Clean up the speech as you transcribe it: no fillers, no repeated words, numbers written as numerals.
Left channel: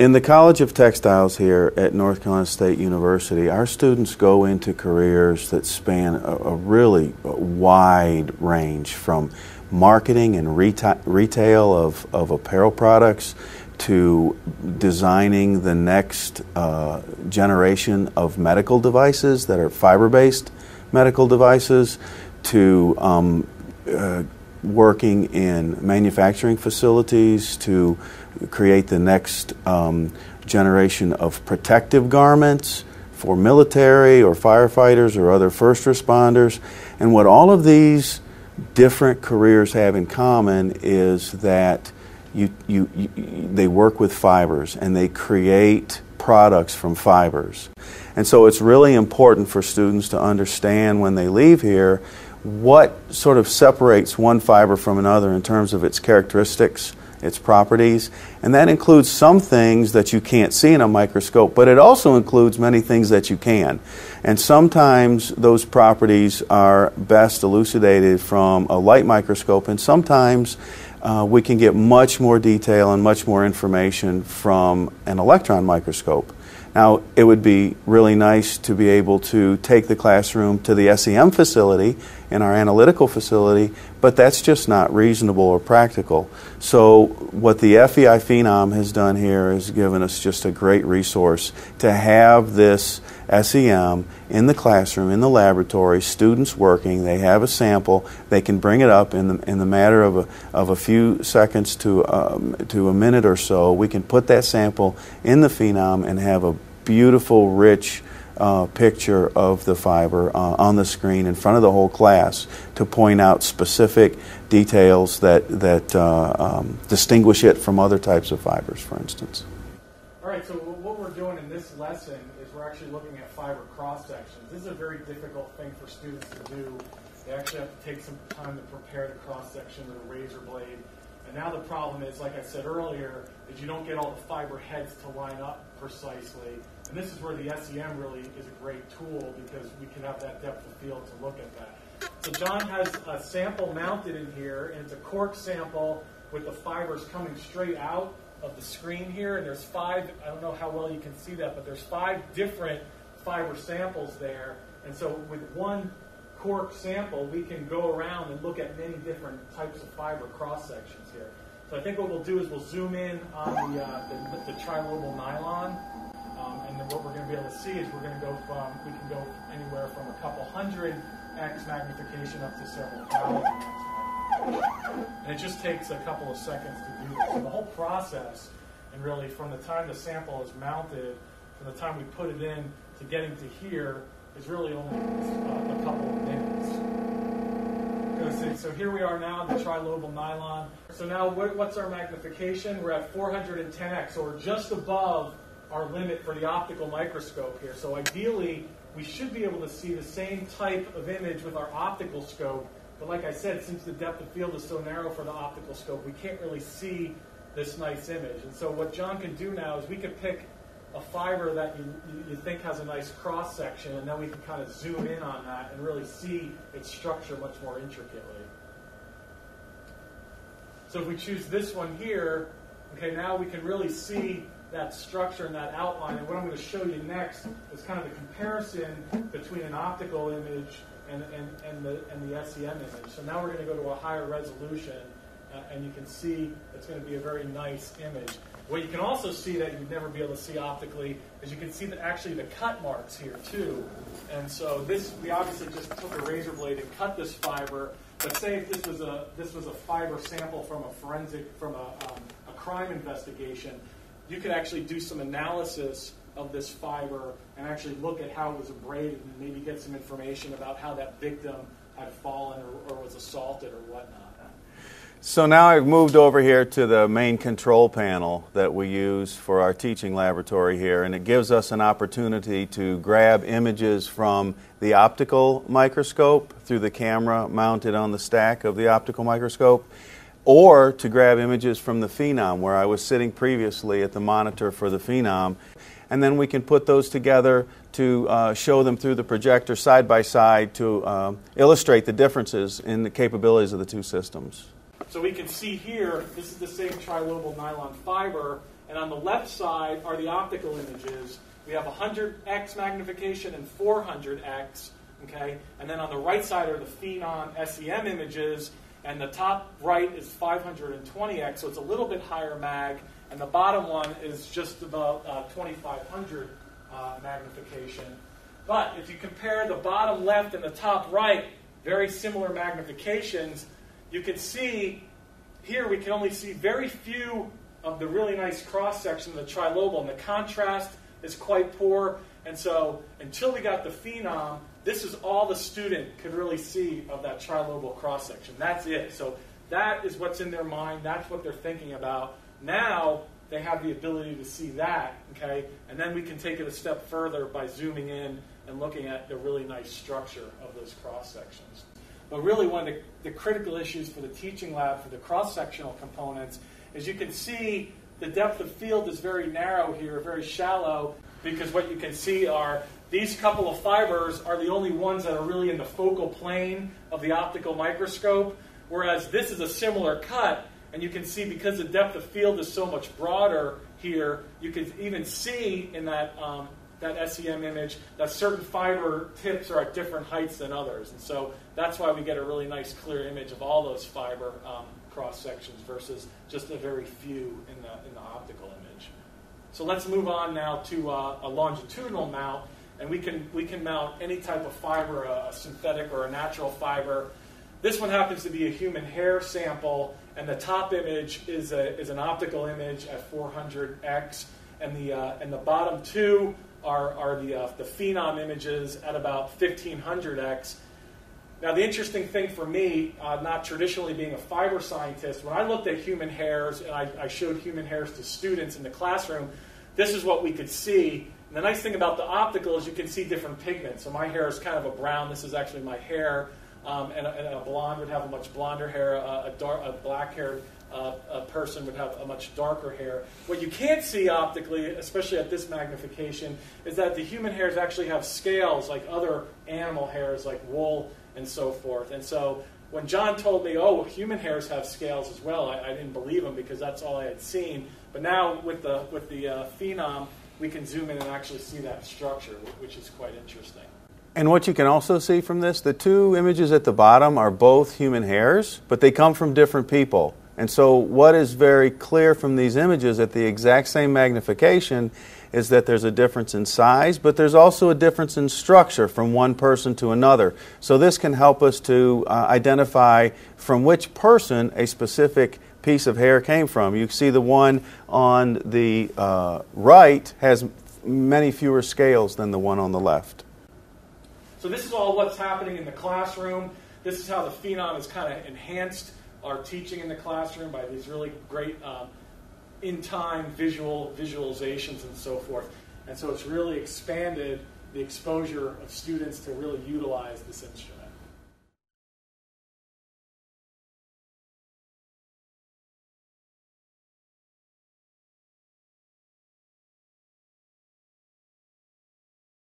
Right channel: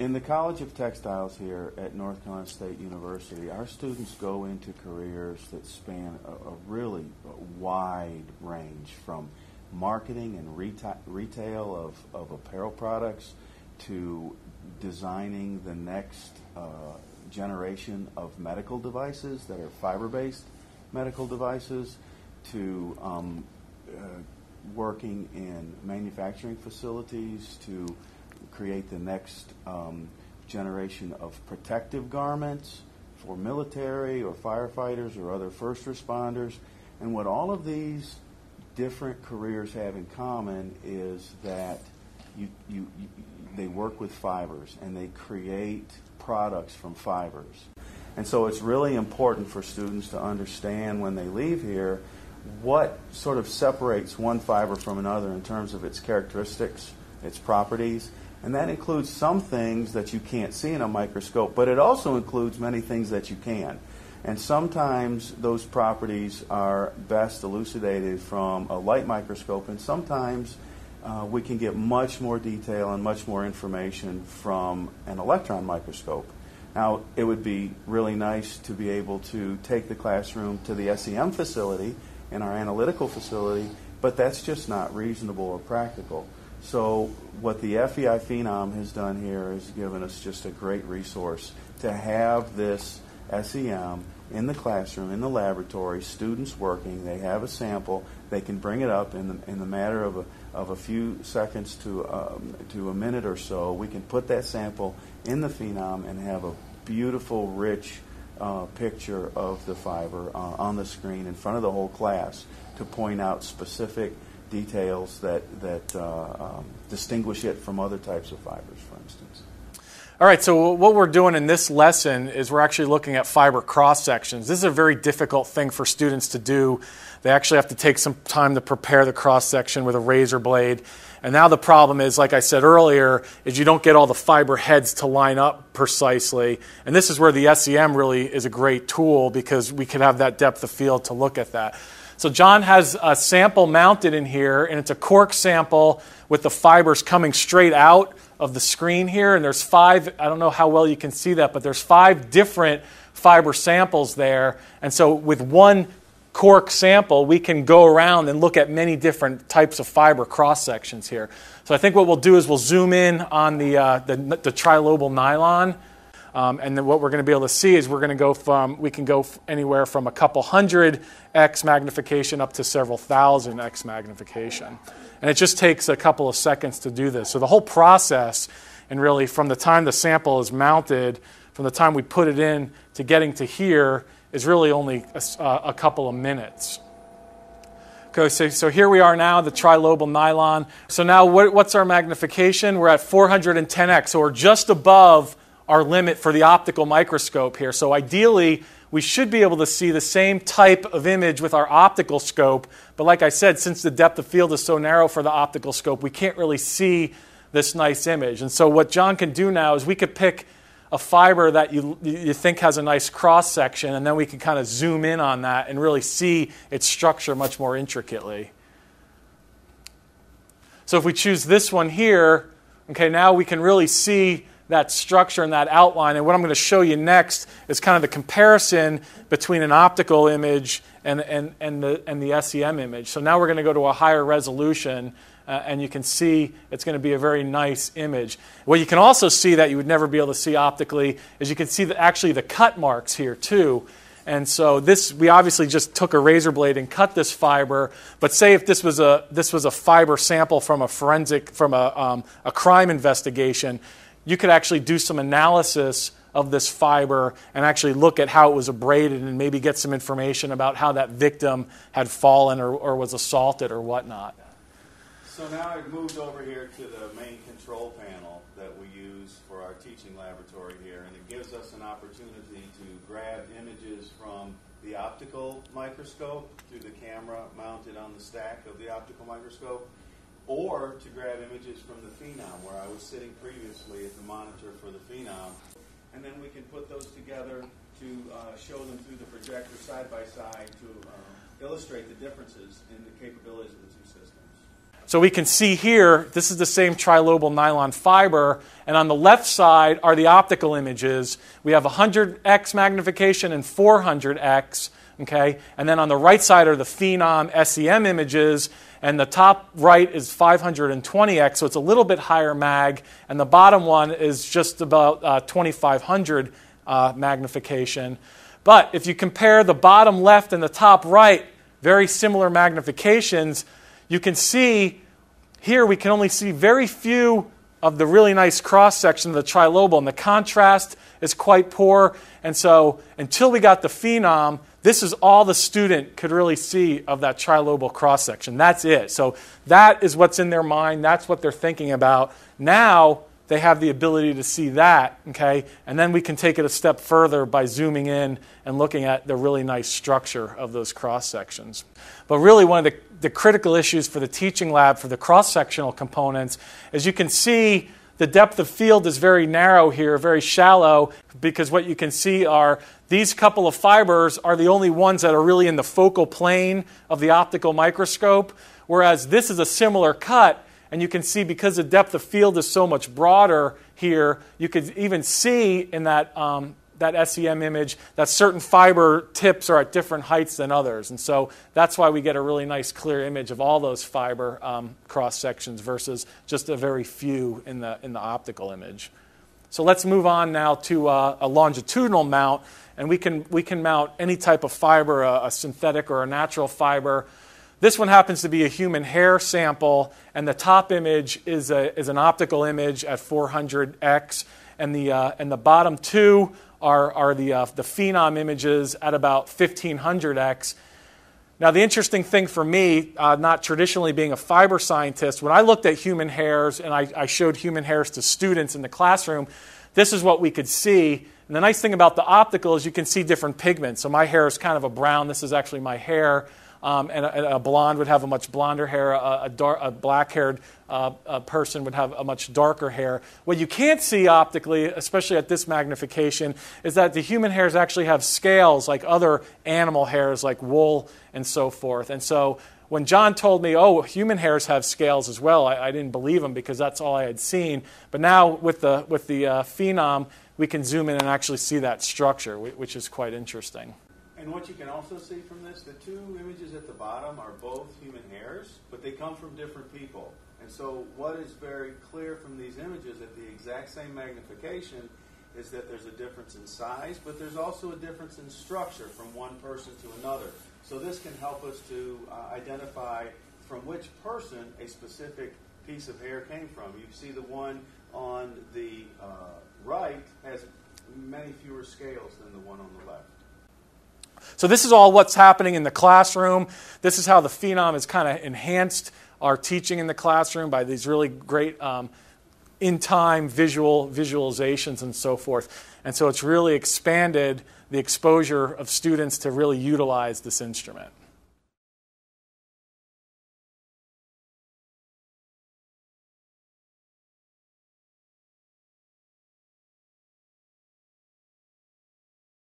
In the College of Textiles here at North Carolina State University, our students go into careers that span a really wide range, from marketing and retail of apparel products to designing the next generation of medical devices that are fiber-based medical devices, to working in manufacturing facilities to create the next generation of protective garments for military or firefighters or other first responders. And what all of these different careers have in common is that they work with fibers and they create products from fibers. And so it's really important for students to understand when they leave here what sort of separates one fiber from another in terms of its characteristics, its properties, and that includes some things that you can't see in a microscope, but it also includes many things that you can. And sometimes those properties are best elucidated from a light microscope, and sometimes we can get much more detail and much more information from an electron microscope. Now, it would be really nice to be able to take the classroom to the SEM facility in our analytical facility, but that's just not reasonable or practical. So what the FEI Phenom has done here is given us just a great resource to have this SEM in the classroom, in the laboratory, students working, they have a sample, they can bring it up in the matter of a few seconds to a minute or so. We can put that sample in the Phenom and have a beautiful, rich picture of the fiber on the screen in front of the whole class to point out specific details that distinguish it from other types of fibers, for instance. All right, so what we're doing in this lesson is we're actually looking at fiber cross-sections. This is a very difficult thing for students to do. They actually have to take some time to prepare the cross-section with a razor blade. And now the problem is, like I said earlier, is you don't get all the fiber heads to line up precisely. And this is where the SEM really is a great tool, because we can have that depth of field to look at that. So John has a sample mounted in here, and it's a cork sample with the fibers coming straight out of the screen here. And there's 5, I don't know how well you can see that, but there's 5 different fiber samples there. And so with one cork sample, we can go around and look at many different types of fiber cross sections here. So I think what we'll do is we'll zoom in on the trilobal nylon, and then what we're going to be able to see is we can go anywhere from a couple hundred X magnification up to several thousand X magnification, and it just takes a couple of seconds to do this. So the whole process, and really from the time the sample is mounted, from the time we put it in to getting to here, is really only a couple of minutes. Okay, so here we are now, the trilobal nylon. So now what's our magnification? We're at 410x, so we're just above our limit for the optical microscope here. So ideally, we should be able to see the same type of image with our optical scope, but like I said, since the depth of field is so narrow for the optical scope, we can't really see this nice image. And so what John can do now is we could pick a fiber that you think has a nice cross section, and then we can kind of zoom in on that and really see its structure much more intricately. So if we choose this one here, okay, now we can really see that structure and that outline. And what I'm going to show you next is kind of the comparison between an optical image and the SEM image. So now we're going to go to a higher resolution, and you can see it's going to be a very nice image. What you can also see that you would never be able to see optically is you can see actually the cut marks here too. And so we obviously just took a razor blade and cut this fiber. But say if this was a fiber sample from a crime investigation, you could actually do some analysis of this fiber and actually look at how it was abraded and maybe get some information about how that victim had fallen or was assaulted or whatnot. So now I've moved over here to the main control panel that we use for our teaching laboratory here, and it gives us an opportunity to grab images from the optical microscope through the camera mounted on the stack of the optical microscope, or to grab images from the Phenom, where I was sitting previously at the monitor for the Phenom, and then we can put those together to show them through the projector side by side to illustrate the differences in the capabilities of the two systems. So we can see here, this is the same trilobal nylon fiber, and on the left side are the optical images. We have 100x magnification and 400x, okay? And then on the right side are the Phenom SEM images, and the top right is 520x, so it's a little bit higher mag, and the bottom one is just about 2500 magnification. But if you compare the bottom left and the top right, very similar magnifications, you can see here we can only see very few of the really nice cross-section of the trilobal, and the contrast is quite poor. And so until we got the Phenom, this is all the student could really see of that trilobal cross-section. That's it. So that is what's in their mind. That's what they're thinking about. Now they have the ability to see that, okay? And then we can take it a step further by zooming in and looking at the really nice structure of those cross-sections. But really one of the critical issues for the teaching lab for the cross-sectional components is you can see the depth of field is very narrow here, very shallow, because what you can see are these couple of fibers are the only ones that are really in the focal plane of the optical microscope, whereas this is a similar cut, and you can see because the depth of field is so much broader here, you could even see in that that SEM image that certain fiber tips are at different heights than others. And so that's why we get a really nice clear image of all those fiber cross sections versus just a very few in the optical image. So let's move on now to a longitudinal mount, and we can mount any type of fiber, a synthetic or a natural fiber. This one happens to be a human hair sample, and the top image is an optical image at 400x, and the bottom two are the Phenom images at about 1500x. Now, the interesting thing for me, not traditionally being a fiber scientist, when I looked at human hairs and I showed human hairs to students in the classroom, this is what we could see. And the nice thing about the optical is you can see different pigments. So my hair is kind of a brown. This is actually my hair. And a blonde would have a much blonder hair. A black-haired person would have a much darker hair. What you can't see optically, especially at this magnification, is that the human hairs actually have scales like other animal hairs, like wool and so forth. And so when John told me, oh, human hairs have scales as well, I didn't believe him because that's all I had seen. But now with the Phenom, we can zoom in and actually see that structure, which is quite interesting. And what you can also see from this, the two images at the bottom are both human hairs, but they come from different people. And so what is very clear from these images at the exact same magnification is that there's a difference in size, but there's also a difference in structure from one person to another. So this can help us to identify from which person a specific piece of hair came from. You see the one on the right has many fewer scales than the one on the left. So this is all what's happening in the classroom. This is how the Phenom has kind of enhanced our teaching in the classroom by these really great in-time visualizations and so forth. And so it's really expanded the exposure of students to really utilize this instrument.